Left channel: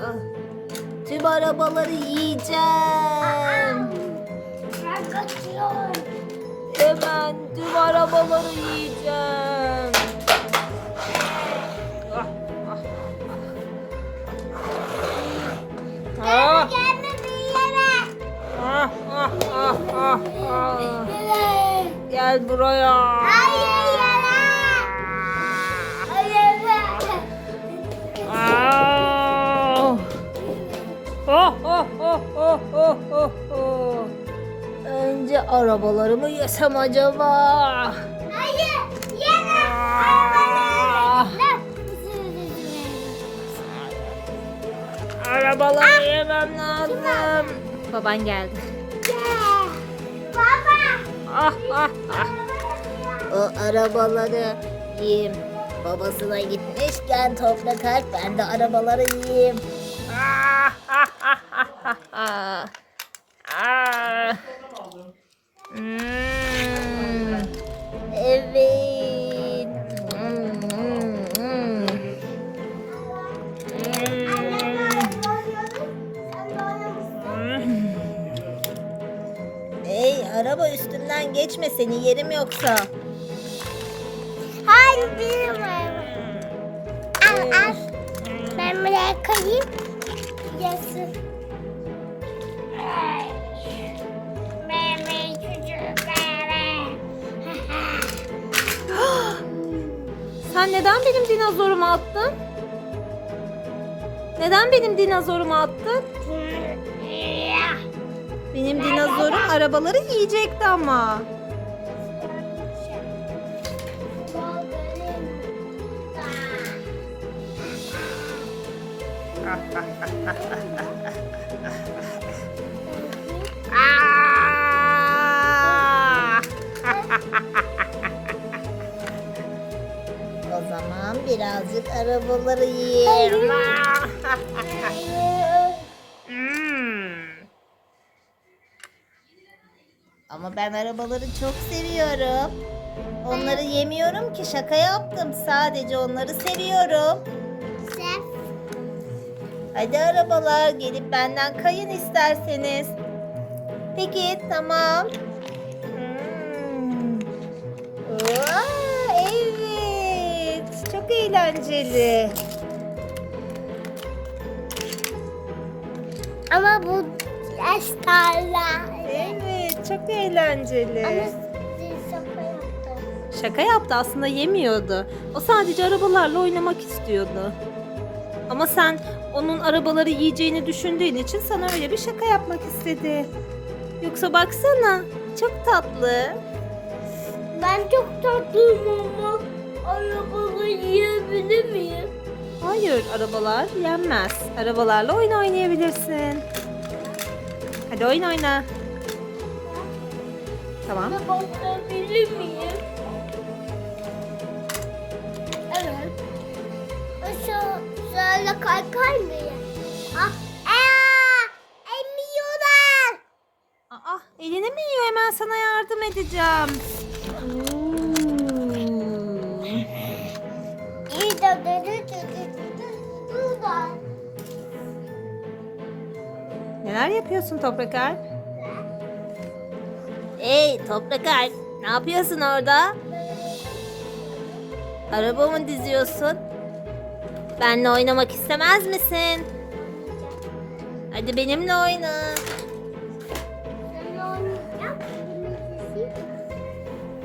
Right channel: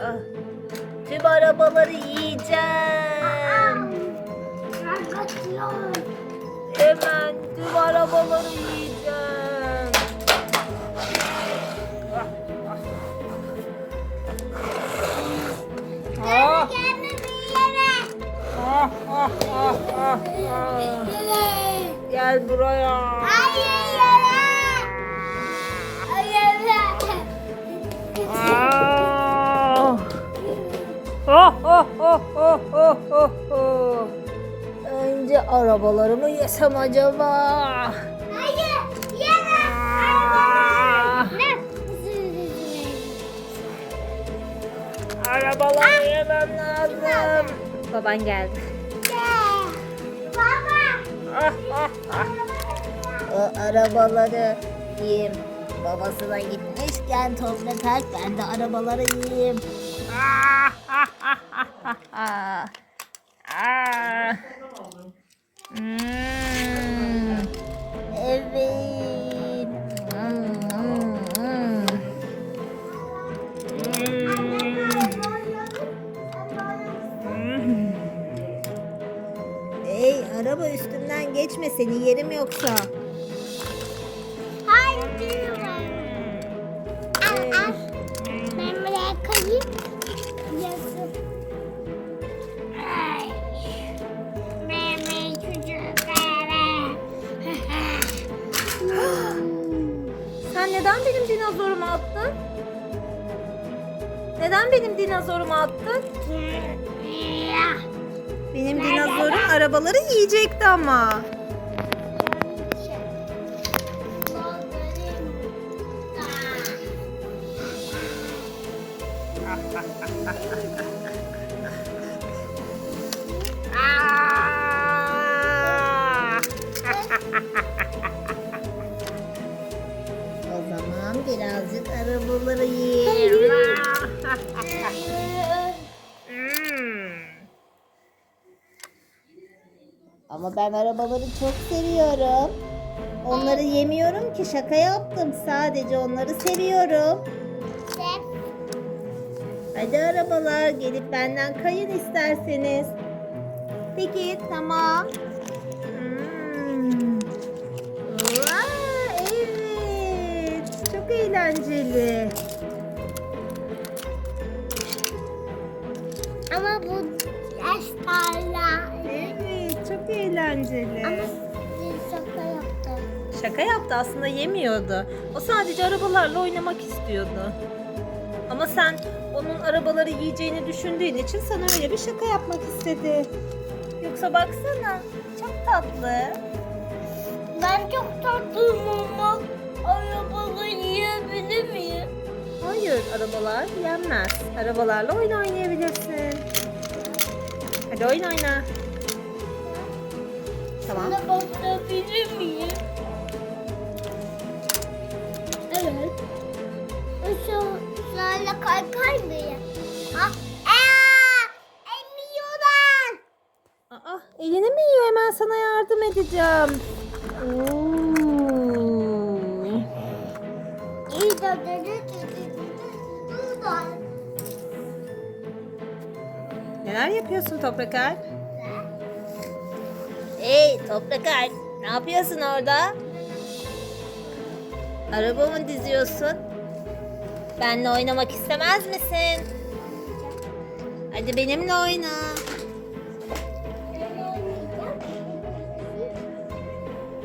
Ah. Tüm arabaları yiyeceğim. Ben kaçıyorum. Hemen tüm arabaları yiyeceğim. Ah. Ah, Gel buraya. Oh, oh, oh, oh, oh, oh, oh. Önce arabalarımı yesem acaba? Hayır. Yere. Ah. Ne? Arabaları yemem lazım. Baban geldi. Baba. Ah ah ah. O arabaları yiyeyim. Babasına gitmişken toprak aç ben de arabaları yiyeyim. Hmm. Evet. Hmm. Hey araba üstümden geçme seni yerim yoksa. Hayır Ay. Benim çocuklarım. Sen neden benim dinozorumu attın? Neden benim dinozorumu attın? Benim dinozorum arabaları yiyecekti ama. o zaman birazcık arabaları yiyeyim. Hmm. Ama ben arabaları çok seviyorum. Onları yemiyorum ki şaka yaptım. Sadece onları seviyorum. Hadi arabalar gelip benden kayın isterseniz. Peki tamam. Hmm. Vaa, evet. Çok eğlenceli. Ama bu yaşlarla. Evet çok eğlenceli. Ama şaka yaptım. Şaka yaptı aslında yemiyordu. O sadece arabalarla oynamak istiyordu. Ama sen onun arabaları yiyeceğini düşündüğün için sana öyle bir şaka yapmak istedi. Yoksa baksana çok tatlı. Ben çok tatlıyım ama arabalı yiyebilir miyim? Hayır arabalar yenmez. Arabalarla oyun oynayabilirsin. Hadi oyun oyna. Tamam. Ne basabilir miyim? Ya? Ah, aa, emiyorlar. Aa, elini mi yiyor? Hemen sana yardım edeceğim. Oo. De dedi Neler yapıyorsun Toprak Alp? Hey Toprak Alp, ne yapıyorsun orada? Araba mı diziyorsun? Benle oynamak istemez misin? Hadi benimle oyna.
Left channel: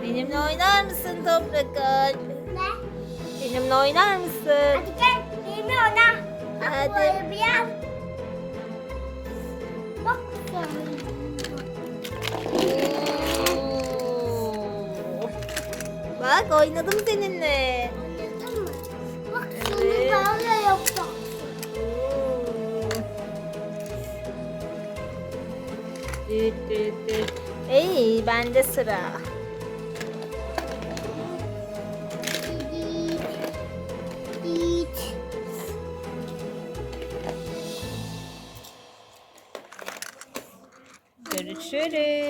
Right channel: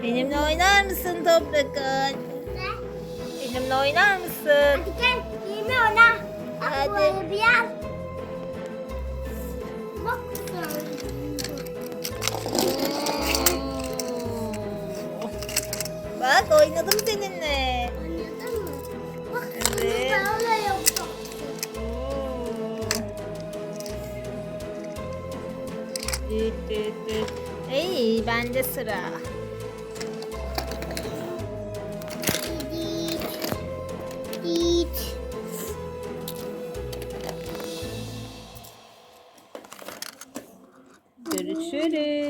Benimle oynar mısın Toprak Alp? Ne? Benimle oynar mısın? Hadi gel, ona. Bak Hadi. arabaya. Bak. Bak oynadım seninle. Düt düt düt. Ey bende sıra. Git. Görüşürüz.